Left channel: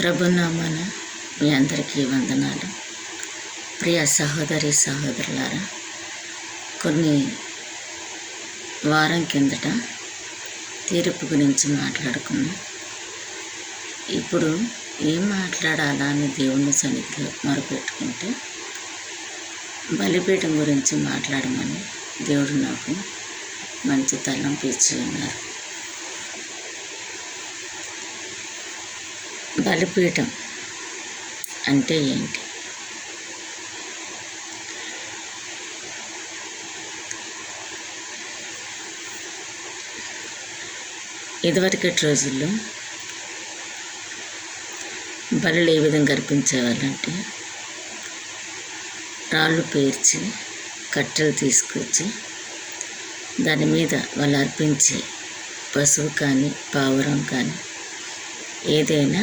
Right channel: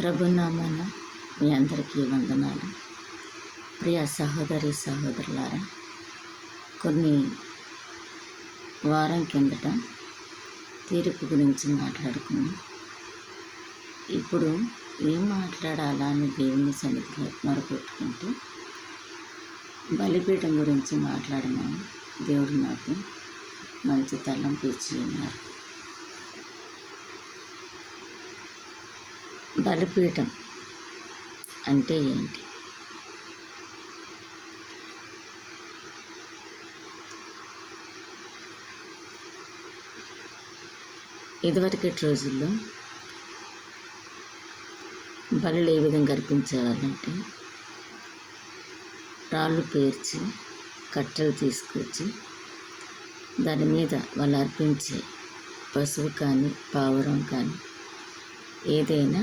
ప్రభునామాన మీ అందరికీ వందనాలు. ప్రియ సహోదరి సహోదరులారా, కొన్ని వారం కిందట తీర్పు గురించి మాట్లాడుకున్నాం. ఇప్పుడు ఏం మాట్లాడాలా అని దేవుని సన్నిధిలో మొరపెట్టుకుంటే బలిపీఠం గురించి మాట్లాడమని దేవుడు నాకు మంచి తలంపు ఇచ్చి ఉన్నారు. బలిపీఠం అంటే ఏంటి? ఇదివరకటి రోజుల్లో బలులు ఏ విధంగా అర్పించేవాళ్ళంటే రాళ్ళు పేర్చి కట్టెలు తీసుకొచ్చి దాని మీద వాళ్ళు అర్పించి పశువు కానీ పావురం కానీ ఏదైనా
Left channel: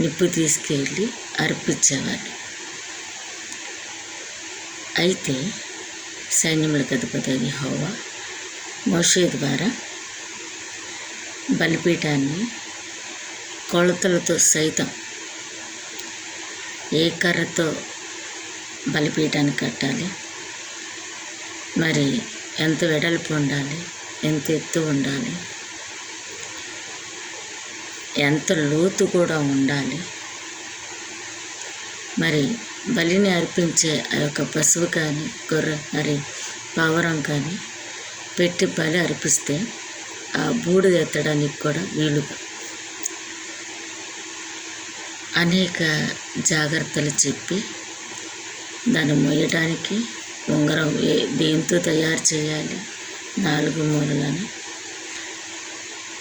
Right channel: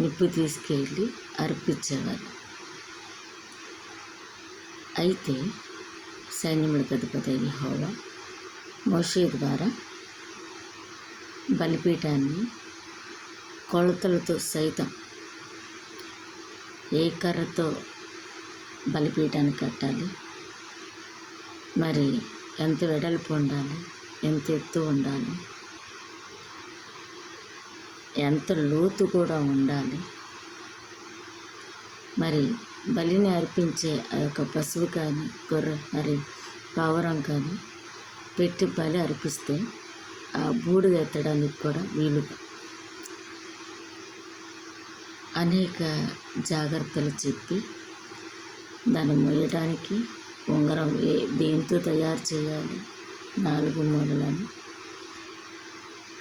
నిప్పు తీసుకెళ్ళి అర్పించేవాళ్ళు. అయితే సైన్యములకు అధిపతి యెహోవా మోషే ద్వారా బలిపీఠాన్ని కొలతలతో సైతం ఏ కర్రతో బలిపీఠాన్ని కట్టాలి, మరి ఎంత వెడల్పు ఉండాలి, ఎంత ఎత్తు ఉండాలి, ఎంత లోతు కూడా ఉండాలి, మరి బలిని అర్పించే ఆ యొక్క పశువు కానీ గొర్రె మరి పావురం కానీ పెట్టి బలి అర్పిస్తే ఆ బూడిద ఎత్తడానికి కూడా వీలుగా అనేక జాగ్రత్తలు చెప్పి దాన్ని మోయడానికి ఉంగరం దేంతో తయారు చేయాలి, 4 మూలలని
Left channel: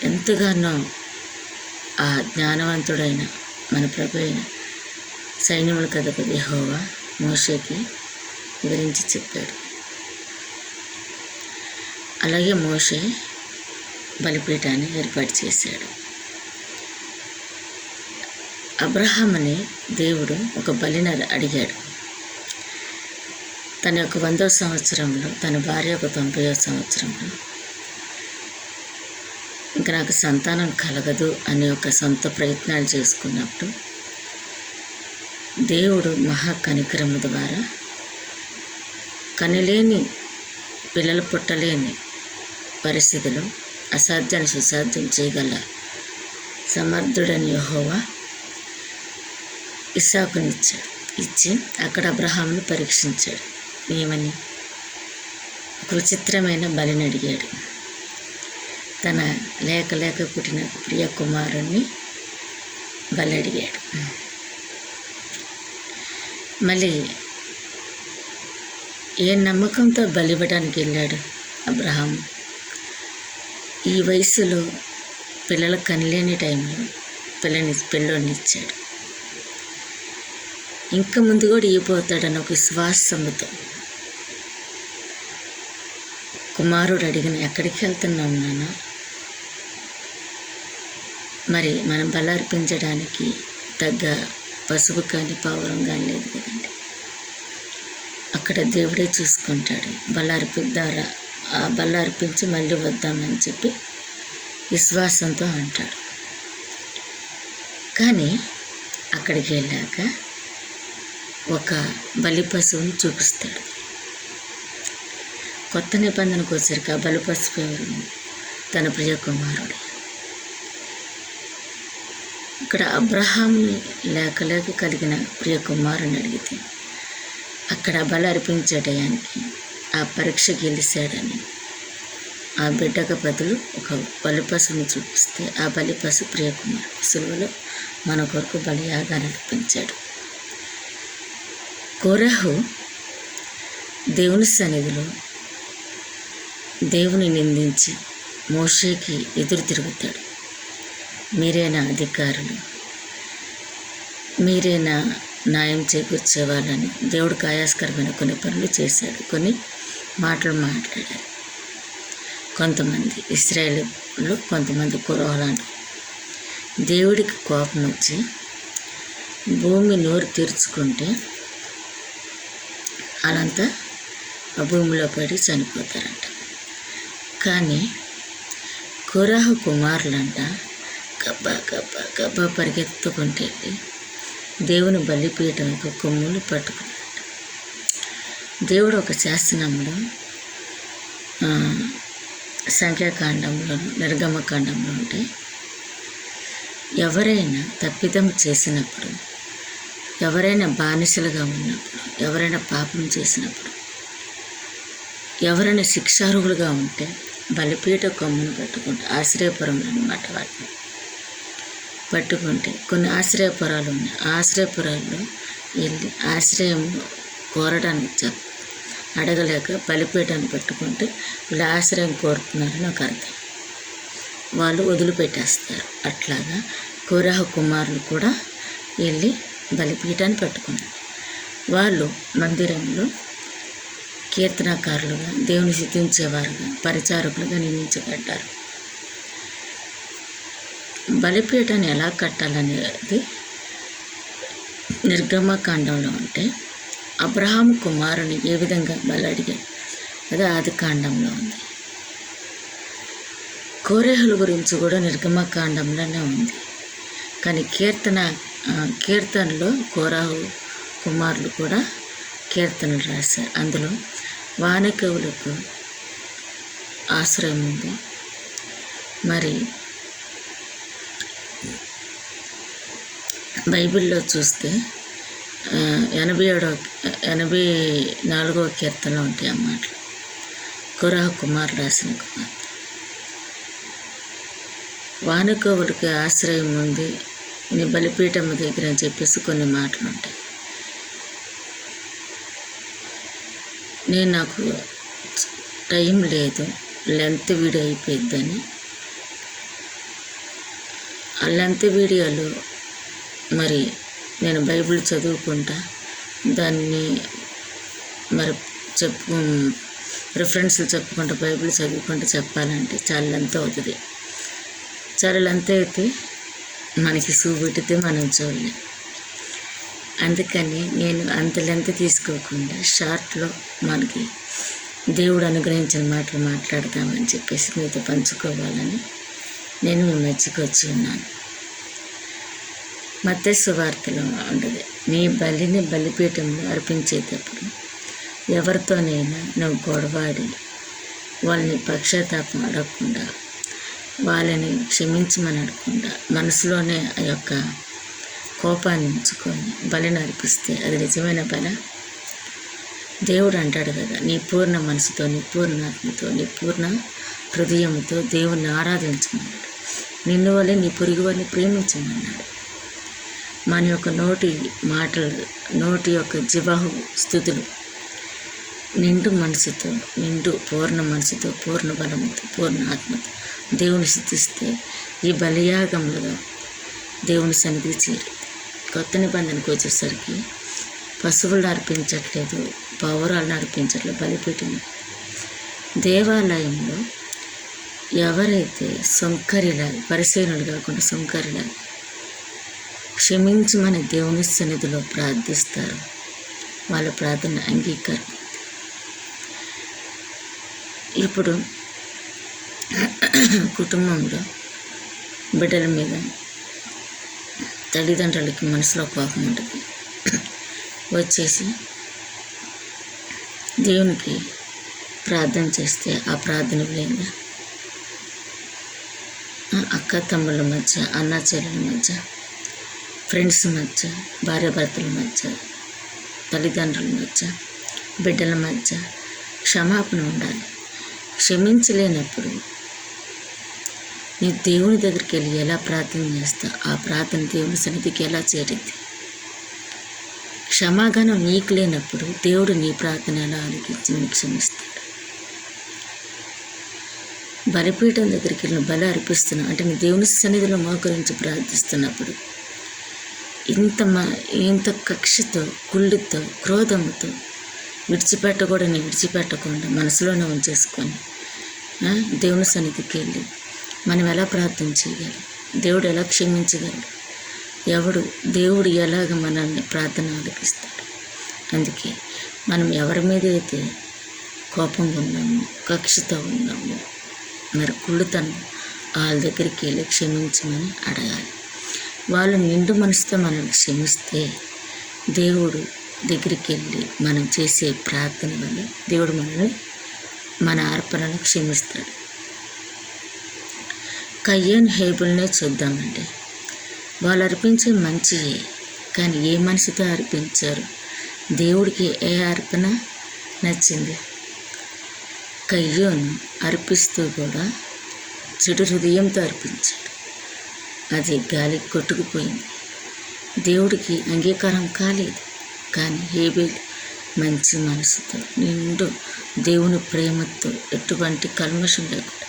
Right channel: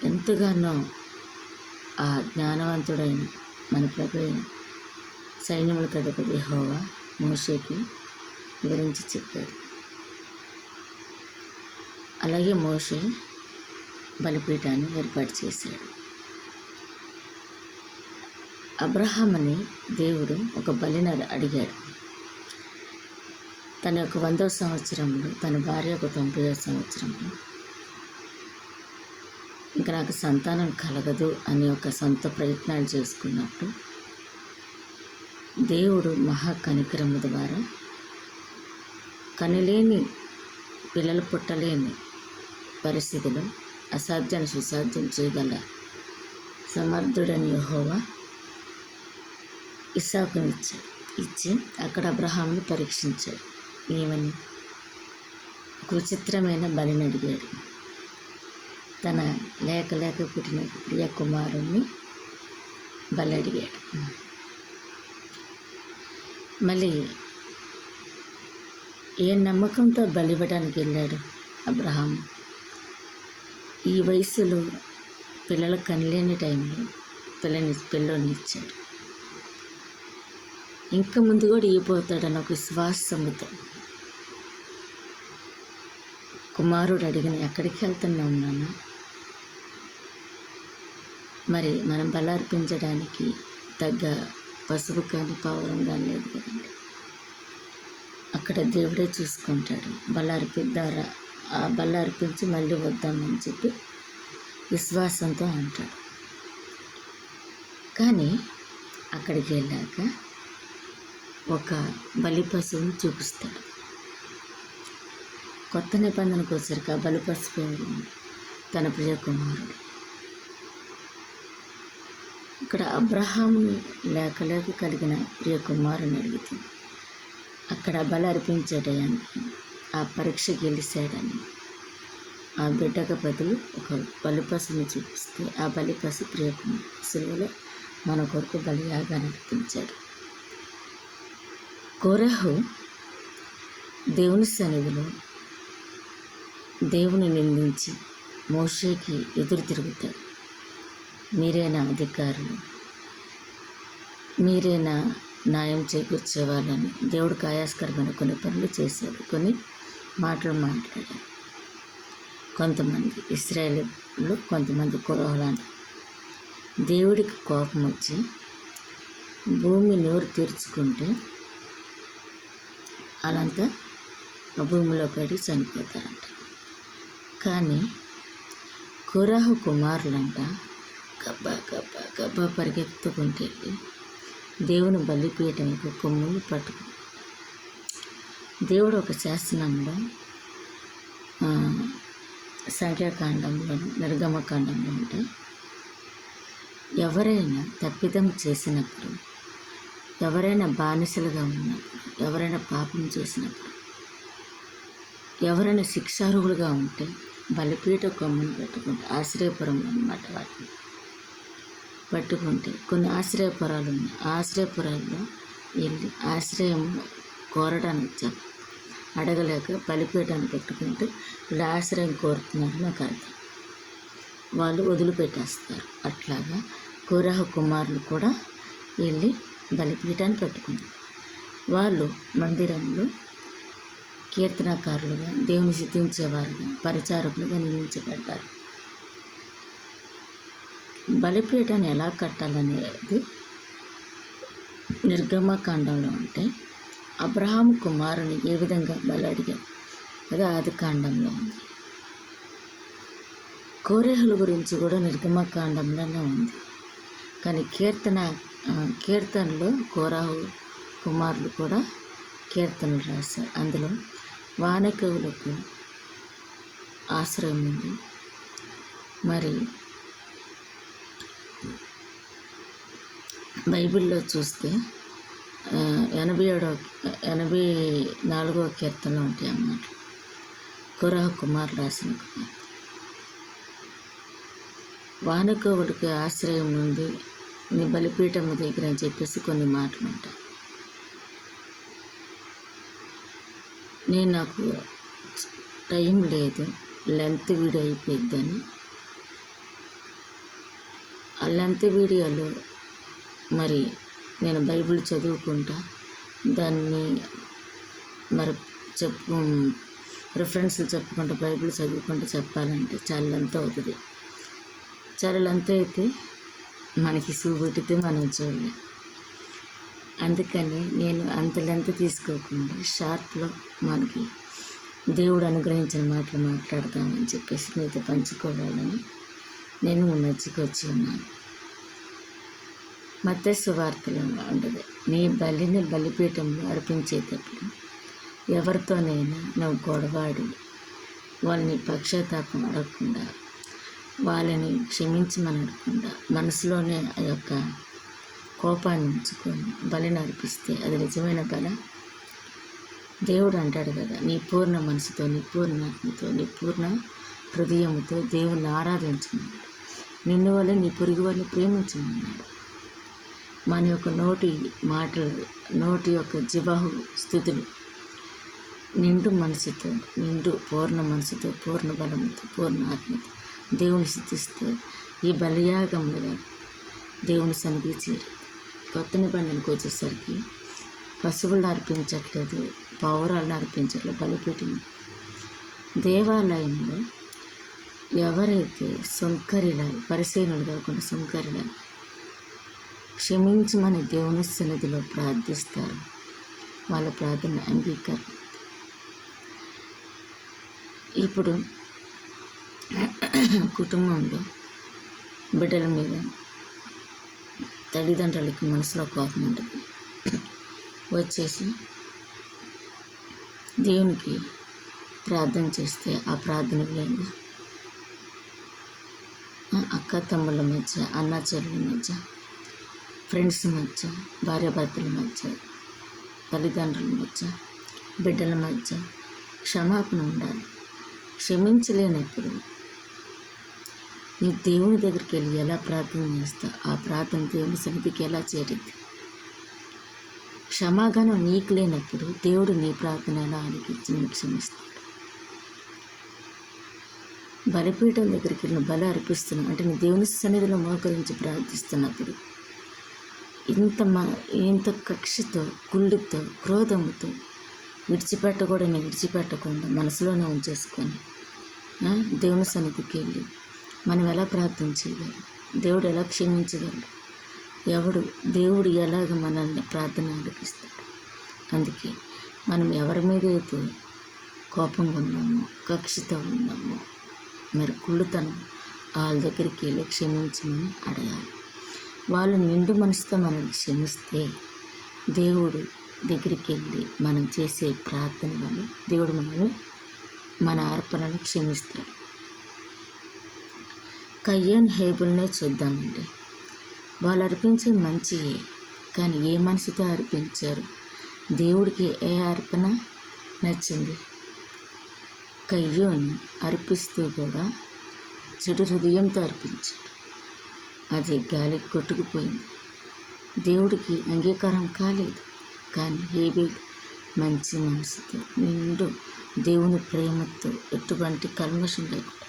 ఎంతగానో ఆ జ్ఞానవంతుడైన మన ప్రభు అయిన సైన్యములకు అధిపతి యెహోవా మోషేకి వివరించి చెప్పాడు. అలాగే మోషే బలిపీఠాన్ని ఏర్పాటు చేశాడు. అబ్రహాముని దేవుడు ఒక బలిని అడిగాడు. తన యొక్క 100వ సంవత్సరంలో, తన భార్య యొక్క 90వ సంవత్సరంలో ఇంకా నాకు సంతానం కలగదు అనే ఒక సొంత ప్రయత్నాలు చేసుకున్నప్పుడు దేవుడు మహా కనికరము ద్వారా కనిలేని పిల్లలు పుట్టలేని పరిస్థితిలో అసాధ్యాన్ని సుసాధ్యం చేయగల సమర్థుడని యెహోవా ఇస్సాకునిచ్చాడు. ఇచ్చి అక్కడ అబ్రహామును పరీక్షించాడు. ఏమని? ఒక విచిత్రమైన బలిని అడిగాడు. తన లేక పుట్టిన ప్రియ కుమారుణ్ణి బలి అడిగాడు. మళ్ళీ ఏ నమ్మకంతో బలి ఇవ్వడానికి వెళ్ళాడు అబ్రహాం? ఈ వయసులో పిల్లలు కనలేని టైంలో పిల్లోని ఇచ్చాడు. ఇంకా ముందు కూడా ఇవ్వబోతాడని ఒక విశ్వాసంతో కుమారుడు అడిగిన, ఎక్కడికి వెళ్తున్నాం నాన్న? మరి మనం బలి అర్పించడానికి తగ్గ పశువు కానీ పావురం కానీ లేదు కదండి. అక్కడ దేవుడే చూసుకుంటాడు. బలి అర్పించి మళ్ళీ వద్దామని చెప్పి విశ్వాసంతో అంటాడు. కానీ అక్కడికి వెళ్ళాక ఒక బలి పశువుని చూపిస్తాడు. కొత్త నిబంధనకు వచ్చారు. ఆ బలి పశువు ఎవరు? తన ప్రియ కుమారుడు. ఇక్కడ అబ్రహాముని లేక కలిగిన ప్రియ కుమారుని అడిగితే అక్కడ బలి అర్పించే టయానికి ఆ పరీక్ష గెలిచాడని ఆ బిడ్డకు బదులు ఒక బలి పశువుని చూపిస్తే ఆ బలి పశువు ప్రియ కుమారుడు సిలువలో మన కొరకు బలియాగాన్ని అర్పించాడు. కోరహు దేవుని సన్నిధిలో దేవుని నిందించి మోషేకి ఎదురు తిరుగుతాడు. మీరేనా అధికారులు, మీరేనా న్యాయం చేకూర్చేవాళ్ళని దేవుడికి ఆయాస్కరమైన కొన్ని పనులు చేశాడు, కొన్ని మాటలు మాట్లాడారు. కొంతమంది ఇశ్రాయేలులో కొంతమంది కురవలాంటి దేవుడికి కోపం వచ్చి భూమి నోరు తెరుచుకుంటే వాళ్ళంతా ఆ భూమిలో పడి చనిపోతారంట. కానీ కోరహు కుమారులంట గబ్బా గబ్బా గబ్బా పరిగెత్తుకుంటే వెళ్ళి దేవుని బలిపీఠం యొక్క కొమ్ములు పట్టుకున్నాడు. దేవుడు ఒక శాసనంలో సంఖ్యాకాండంలో నిర్గమకాండంలో ఉంటే ఎవరైనా తప్పిదం చేసినప్పుడు, ఎవరైనా బానిసలుగా ఉన్నప్పుడు, ఎవరైనా పాపం చేసినప్పుడు, ఎవరైనా శిక్షార్హులుగా ఉంటే బలిపీఠ కొమ్మును పట్టుకుంటే, ఆశ్రయపురం అన్నమాట వాటిని పట్టుకుంటే, కొన్ని ఆశ్రయపురాలు ఉన్నాయి. ఆశ్రయపురాల్లో వెళ్ళి ఆశ్రయం కోరడానికి అడగలేక బలిపీఠాన్ని పట్టుకుంటే వీళ్ళు ఆశ్రయం కోరుతున్నారని ఒక అర్థం. వాళ్ళు వదిలిపెట్టేస్తారు. అట్లాగా కోరహ కుమారులు కూడా వెళ్ళి బలిపీఠాన్ని పట్టుకున్నారు. వాళ్ళు మందిరంలో కీర్తనకారులుగా, దేవుని స్తుతించేవారుగా, పరిచారకులుగా నియమించబడ్డారు. బలిపీఠాన్ని ఎలా కట్టాలనేది నిర్గమకాండంలో ఉంటే అబ్రహాము కుమారుని ఏ విధంగా బలి అడిగాడు అది ఆది కాండంలో ఉంది. కోరేహుల గురించి కూడా నిర్గమకాండంలోనే ఉంది. కానీ కీర్తనలో కోరాహు కుమారులు కూడా కీర్తనలు రాశారు. అందులో వానకవులకు ఆశ్రయం ఉంది. మరి బైబిల్లో చూస్తే 84వ కీర్తనలో ఉంటాయి అన్నమాట. కోరహ కుమార్ రాసిన కుమార్. వానకవులకి ఆశ్రయం ఉంది నీ బలిపీఠం దగ్గర అని చెప్పేసి కొన్ని మాటలు ఉంటాయి. నాకు టైం లేదు, లెంత్ వీడియో అయిపోయిద్దని ఆ లెంత్ వీడియోలో మరి నేను బైబిల్ చదువుకుంటా దాన్ని మరి రిఫరెన్స్లు చెప్పుకుంటా బైబిల్ చదువుకుంటూ చెప్పాలంటే చాలా లెంత్ అవుతుంది. చాలా లెంత్ అయితే మనకి చూపెట్టితే మనం చూడలేం. అందుకని నేను అంత లెంత్ తీసుకోకుండా షార్ట్లో మనకి దేవుడు అనుగ్రహించిన మాటలు మాట్లాడదామని చెప్పేసి మీతో పంచుకోవాలని నేను మీ మధ్యకి వచ్చి ఉన్నాను. మత్తయి సువార్తలో ఉండదు, నీ బలిని బలిపీఠంలో అర్పించేటప్పుడు ఎవరితోనైనా నువ్వు గొడవాడి వాళ్ళని పక్షాతాపం అడగకుండా, వాళ్ళని క్షమించమని అడగకుండా మనసులోనే ఆ యొక్క కోపాన్ని ఉంచుకొని బలిని అర్పిస్తే అది నిజమైన బల? దేవుడు అంటాడు కదా, నీ పూర్ణ మనసుతో, నీ పూర్ణ ఆత్మతో, నీ పూర్ణ హృదయంతో దేవుణ్ణి ఆరాధించమన్నాడు. నిన్ను వల్లే నీ పొరుగు వాళ్ళని ప్రేమించమన్నాడు. మన యొక్క నోటి మాటలు, నోటి యొక్క జివాహు స్థుతులు నిండు మనసుతో, పూర్ణ మనసుతో, పూర్ణ బలముతో, పూర్ణ ఆత్మతో దేవుని స్తుతిస్తే ఈ బలియాగంలో దేవుని సన్నిధి చేరి. కొత్త నిబంధనకు వచ్చేసరికి పశువులను అర్పించట్లేదు, పౌరాలను అర్పించట్లేదు, బలిపీఠం. దేవాలయంలో ఎవరైతే సొంకరిలాగా, పరిశీలనలు కాకుండా సొంకరిలాగా క్షమించమని దేవుని సన్నిధిలో ప్రార్థిస్తారు, వాళ్ళ ప్రార్థన అంగీకారం. ఇప్పుడు కుటుంబంలో బిడ్డల మీద తల్లిదండ్రులకి మనసులో కోపం ఉంటుంది. వచ్చేసి దేవునికి ప్రార్థన చేస్తే ఆ ప్రార్థన లేదా అక్క తమ్ముళ్ళ మధ్య, అన్న చెల్లెల మధ్య, ఫ్రెండ్స్ మధ్య, భార్యాభర్తల మధ్య, తల్లిదండ్రుల మధ్య, బిడ్డల మధ్య క్షమాపణ ఉండాలి. క్షమించలేనప్పుడు నీ దేవుని దగ్గరికి వెళ్ళి ఎలా ప్రార్థన చేస్తావు? ఆ ప్రార్థన దేవుని సన్నిధికి ఎలా చేరింది? క్షమాగానం నీకు లేనప్పుడు దేవుడు నీ ప్రార్థన ఎలా ఆలోచించి నీకు క్షమిస్తాడు? బలిపీఠం దగ్గరికి వెళ్ళి బలి అర్పిస్తున్నావు అంటే నీ దేవుని సన్నిధిలో మోకరించి ప్రార్థిస్తున్నప్పుడు ఇంత కక్షతో, కుళ్ళుతో, క్రోధంతో విడిచిపెట్టకుండా మనసులోనే ఉంచేసుకొని దేవుని సన్నిధికి వెళ్ళి మనం ఎలా ప్రార్థన చేయగలం? దేవుడు ఎలా క్షమించగలడు? దేవుడు ఎలాగ మనల్ని ప్రార్థన ఆలకిస్తాడు? అందుకే మనం ఎవరి మీద అయితే కోపంగా ఉన్నామో, కక్షతో ఉన్నామో, మరి కుళ్ళుతనం వాళ్ళ దగ్గరికి వెళ్ళి క్షమించమని అడగాలి. వాళ్ళు నిండు మనసుతో మనల్ని క్షమిస్తే దేవుడు దగ్గరికి వెళ్ళి మనం చేసే ప్రార్థన వల్ల దేవుడు మనల్ని మన అర్పణను క్షమిస్తాడు. కయ్యను హేబుల్నే చూద్దామండి. వాళ్ళు అర్పించే మంచియే, కానీ ఏ మనసుతో అర్పించారు? దేవుడికి ఏ అర్పణ నచ్చింది? కయ్యోను అర్పిస్తూ కూడా చెడు హృదయంతో అర్పించాడు. అది గాలికి కొట్టుకుపోయింది, దేవుడికి అంగీకారం కాలేదు. కానీ హేబేల్ మంచి మనసుతో నిండు దేవుని ప్రేమతో ఎటువంటి కల్మషం లేకుండా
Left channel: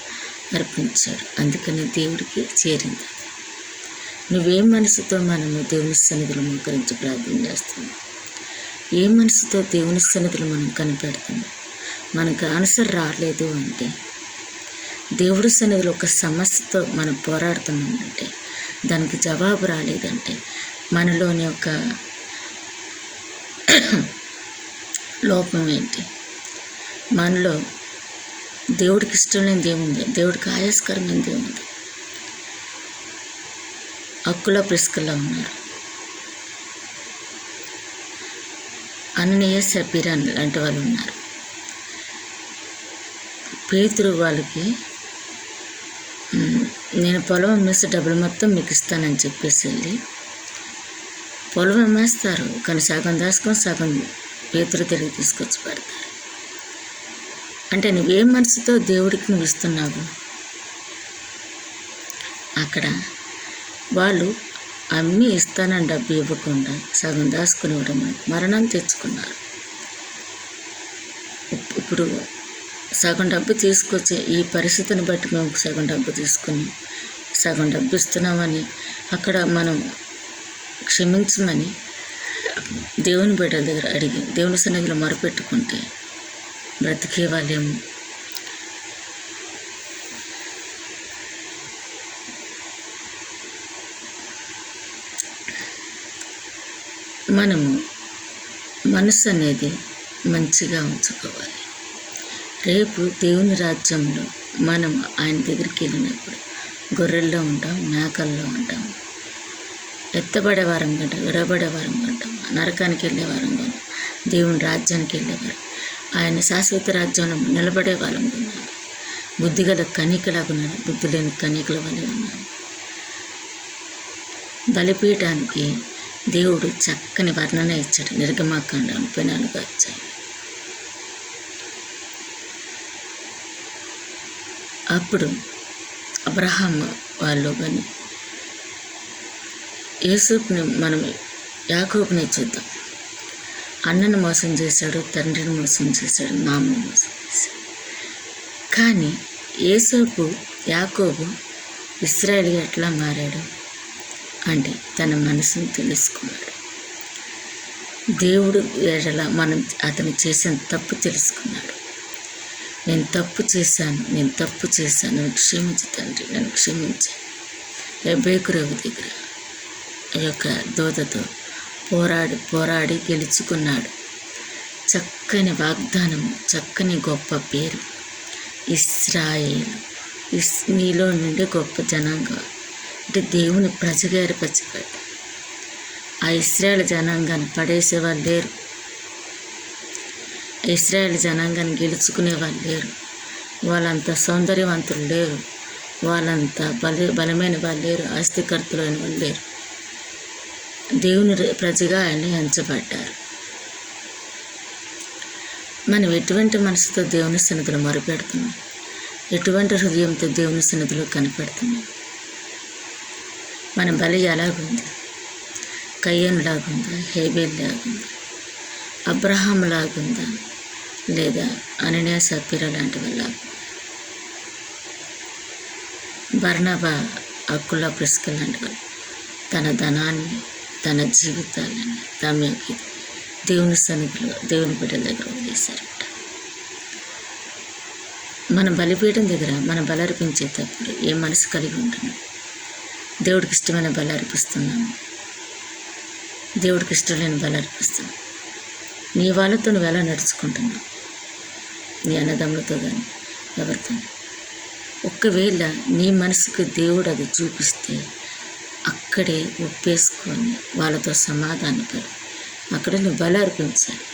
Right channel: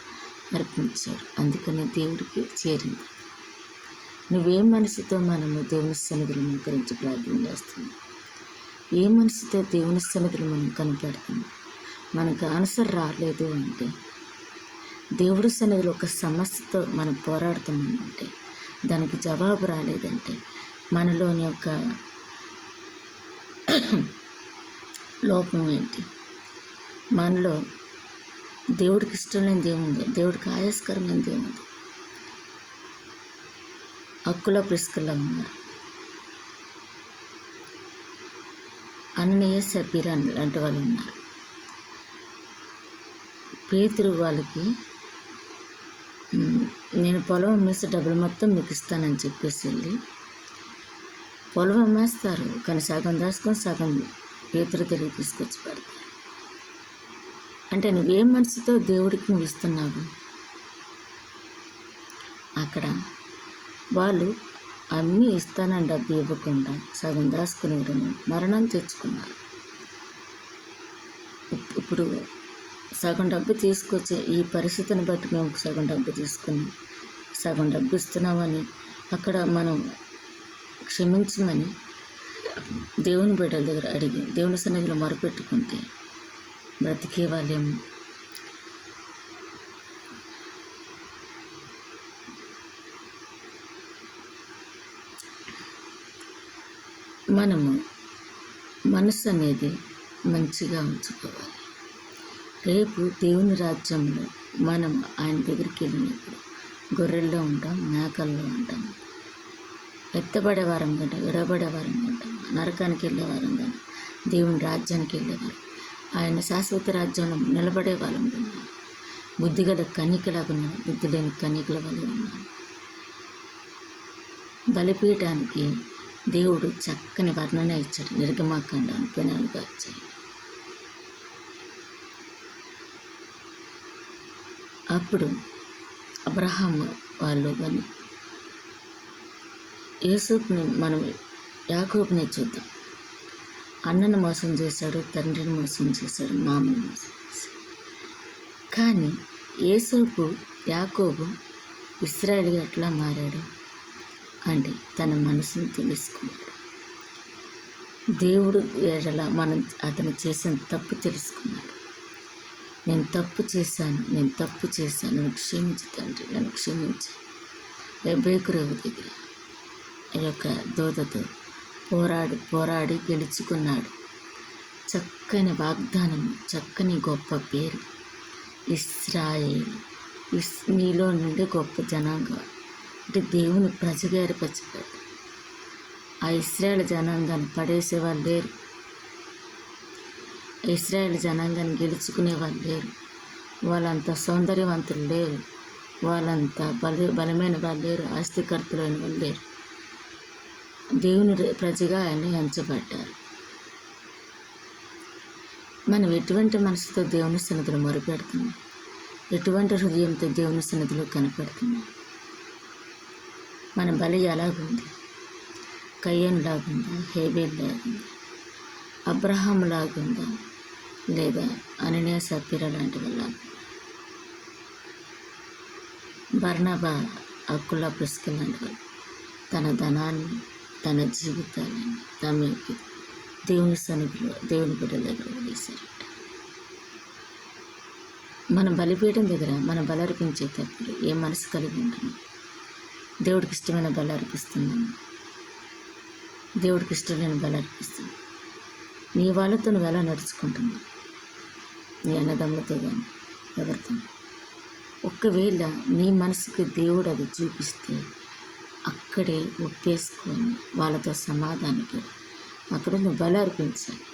అర్పించాడు. అందుకని దేవుడికి చేరింది. నువ్వేం మనసుతో మనము దేవుని సన్నిధిలో మోకరించి ప్రార్థన చేస్తున్నాం? ఏ మనసుతో దేవుని సన్నిధిలో మనం కనిపెడుతున్నాం? మనకు ఆన్సర్ రాలేదు అంటే, దేవుడి సన్నిధిలో ఒక సమస్యతో మనం పోరాడుతున్నామంటే, దానికి జవాబు రాలేదంటే మనలోని ఒక లోపం ఏంటి? మనలో దేవుడికి ఇష్టం లేనిది ఏముంది? దేవుడికి ఆయాస్కరమైనది ఏముంది? అక్కుల ప్రిస్కల్లా ఉన్నారు. అననీయ సపీరా లాంటి వాళ్ళు ఉన్నారు. పేతురు వాళ్ళకి నేను పొలం అమ్మేసి డబ్బులు మొత్తం మీకు ఇస్తానని చెప్పేసి వెళ్ళి పొలం అమ్మేస్తారు, కానీ సగం దాచుకొని సగం పేతురు తిరిగి తీసుకొచ్చి పెడతారు. అంటే నువ్వేం మనసుతో దేవుడికి నువ్వు ఇస్తున్నావు? అక్కడ వాళ్ళు అమ్మి ఇస్తానని డబ్బు ఇవ్వకుండా సగం దాచుకుని ఇవ్వడం మరణం తెచ్చుకున్నారు. ఇప్పుడు సగం డబ్బు తీసుకొచ్చి ఈ పరిస్థితిని బట్టి మేము సగం డబ్బు తీసుకుని సగం డబ్బు ఇస్తున్నామని అక్కడ మనం క్షమించమని దేవుని బిడ్డల దగ్గర అడిగి దేవుని సన్నిధిలో మొరపెట్టుకుంటే బ్రతికే వాళ్ళేమో. మనము మనసు అనేది మంచిగా ఉంచుకోవాలి. రేపు దేవుని రాజ్యంలో మనం ఆయన దగ్గరికి వెళ్ళినప్పుడు గొర్రెల్లో ఉంటాం, మేకల్లో ఉంటాం, ఎత్తబడే వారం కంటే విడబడే వారం కంటాం, నరకానికి వెళ్ళే వారం కానీ దేవుని రాజ్యానికి వెళ్ళేవారు, ఆయన శాశ్వత రాజ్యంలో నిలబడే వాళ్ళం ఉన్నాను. బుద్ధిగల కనికలాగా ఉన్నాను, బుద్ధి లేని కనికల వలె ఉన్నాను. బలిపీఠానికి దేవుడు చక్కని వర్ణన ఇచ్చాడు. నిర్గమాకాండం 34 అధ్యాయం. అప్పుడు అబ్రహాం వాళ్ళు కానీ యూసుఫ్ని మనం యాకోబుని చూద్దాం. అన్నను మోసం చేశాడు, తండ్రిని మోసం చేశాడు, మామని మోసం చేశాడు. కానీ యూసుఫ్ యాకోబు ఇశ్రాయేలు ఎట్లా మారాడు అంటే తన మనసును తెలుసుకున్నాడు. దేవుడు ఎడల మనం అతను చేసిన తప్పు తెలుసుకున్నాడు. నేను తప్పు చేశాను, నన్ను క్షమించు తండ్రి, నన్ను క్షమించి బేకురేవు దగ్గర ఈ యొక్క దూతతో పోరాడి గెలుచుకున్నాడు. చక్కని వాగ్దానము, చక్కని గొప్ప పేరు ఇశ్రాయేలు. నీలో నుండి గొప్ప జనాంగం అంటే దేవుని ప్రజగా ఏర్పరచబడ్డ ఆ ఇశ్రాయేలు జనాంగాన్ని పడేసేవాళ్ళు లేరు. ఇశ్రాయేలు జనాంగాన్ని గెలుచుకునే వాళ్ళు లేరు. వాళ్ళంత సౌందర్యవంతులు లేరు, వాళ్ళంత బలమైన వాళ్ళు లేరు, ఆస్తికర్తలైన వాళ్ళు లేరు. దేవుని ప్రజగా ఆయన ఎంచబడ్డారు. మనం ఎటువంటి మనసుతో దేవుని సన్నిధిలో మొరపెడుతున్నాం? ఎటువంటి హృదయంతో దేవుని సన్నిధిలో కనిపెడుతున్నాం? మన బలి ఎలాగుంది? కయ్యను లాగుందా? హేబేల్ లాగుందా? అబ్రహాం లాగుందా? లేదా అననీయ సపీరా లాంటి వాళ్ళ? బర్నబా అక్కుల ప్రిస్కిల్ లాంటి వాళ్ళు తన ధనాన్ని, తన జీవితాలని తమకి దేవుని సన్నిధిలో దేవుని బిడ్డల దగ్గర వదిలేశారట. మన బలిపీఠం దగ్గర మన బలి అర్పించేటప్పుడు ఏ మనసు కలిగి ఉంటున్నాం? దేవుడికి ఇష్టమైన బలి అర్పిస్తున్నాము, దేవుడికి ఇష్టం లేని బలి అర్పిస్తున్నాం. నీ వాళ్ళతో నువ్వు ఎలా నడుచుకుంటున్నావు? నీ అన్నదమ్ములతో కానీ ఎవరితో? ఒకవేళ నీ మనసుకు దేవుడు అది చూపిస్తే అక్కడే ఒప్పేసుకొని వాళ్ళతో సమాధానపడి అక్కడ నువ్వు బలి అర్పించాలి.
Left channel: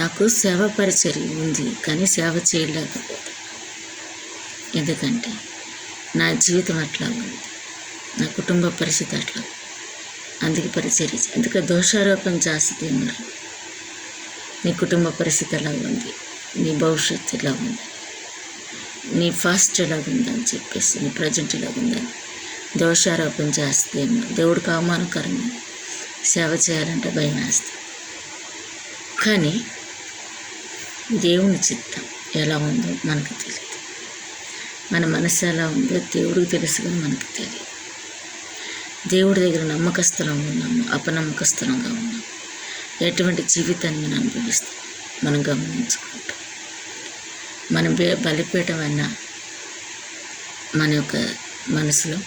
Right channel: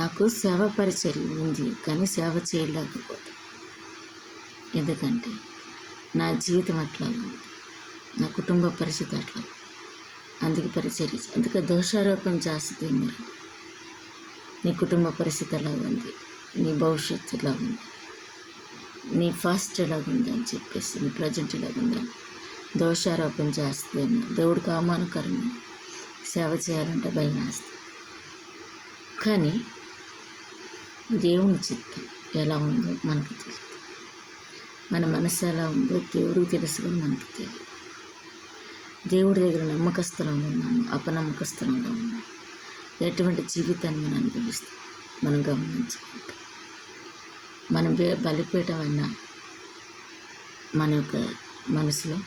నాకు సేవ పరిచర్య ఉంది, కానీ సేవ చేయలేకపోతే, ఎందుకంటే నా జీవితం అట్లా ఉంది, నా కుటుంబ పరిస్థితి అట్లా, అందుకే పరిచర్య. ఎందుకంటే దోషారోపణ చేస్తుంది. మరి నీ కుటుంబ పరిస్థితి ఎలా ఉంది, నీ భవిష్యత్తు ఎలా ఉంది, నీ ఫాస్ట్ ఎలాగుందని చెప్పేసి, నీ ప్రజెంట్ ఎలాగుందని దోషారోపణ చేస్తేమో దేవుడికి అవమానకరమైన సేవ చేయాలంటే భయం వేస్తుంది. కానీ దేవుని చిత్తం ఎలా ఉందో మనకు తెలియదు. మన మనసు ఎలా ఉందో దేవుడికి తెలుసు, కానీ మనకు తెలియదు. దేవుడి దగ్గర నమ్మకస్తులంగా ఉన్నాము, అపనమ్మకస్తులంగా ఉన్నాము, ఎటువంటి జీవితాన్ని మనం అనుభవిస్తాం మనం గమనించుకుంటాం. మనం బలిపీఠం అన్న మన యొక్క మనసులో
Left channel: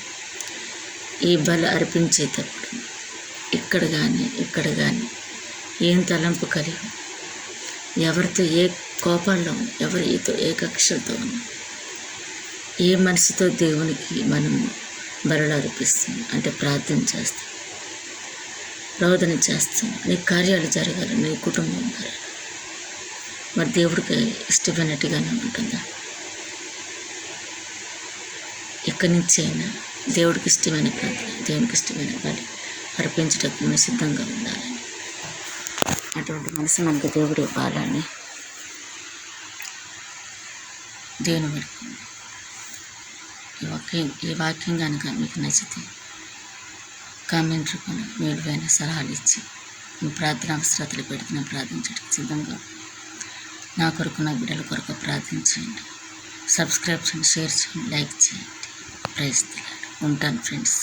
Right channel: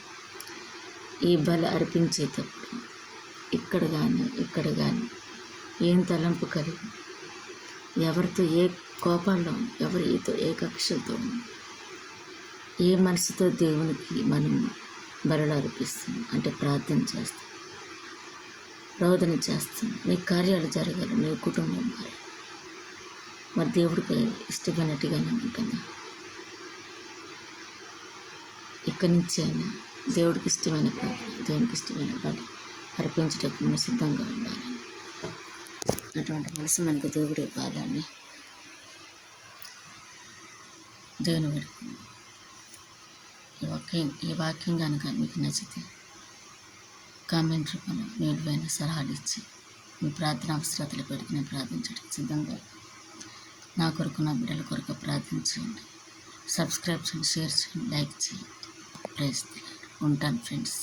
ఈ బలి అర్పించేటప్పుడు ఇక్కడ కానీ ఏం తలంపు కలిగి, ఎవరితో ఏ కోపాల్లో ఉన్నా, ఎవరితో ఏ కక్షలతో ఉన్నా, ఏ మనసుతో దేవునికి మనము బలులు అర్పిస్తాం అంటే ప్రార్థన చేస్తాం, రోదన చేస్తాం, నీ కార్యాలు జరగాలి, నీ కుటుంబం మారాలి. మరి దేవుడికి ఇష్టమైనట్టుగానే ఉంటుందా? ఎక్కడి నుంచి అయినా దేవుడికి ఇష్టమైన ప్రార్థన, దేవునికి ఇష్టమైన బలి అర్పించడానికి మనం సిద్ధంగా ఉండాలని, అటువంటి మనసు మనకు దేవుడు ఇవ్వాలని దేవుని పెడుతుంది. ఈ వాక్యం కనుక మీకు నచ్చితే కామెంట్ రూపంలో మీ విలువైన సలహాలు ఇచ్చి మీ ప్రార్థన అవసరాలు పెడుతున్న ప్రార్థించడానికి సిద్ధంగా, నా కొరకు నా బిడ్డల కొరకు ప్రార్థించండి. సబ్స్క్రైబ్ చేయండి, షేర్ చేయండి, లైక్ చేయండి. Praise the Lord. ఉంటాను ఫ్రెండ్స్.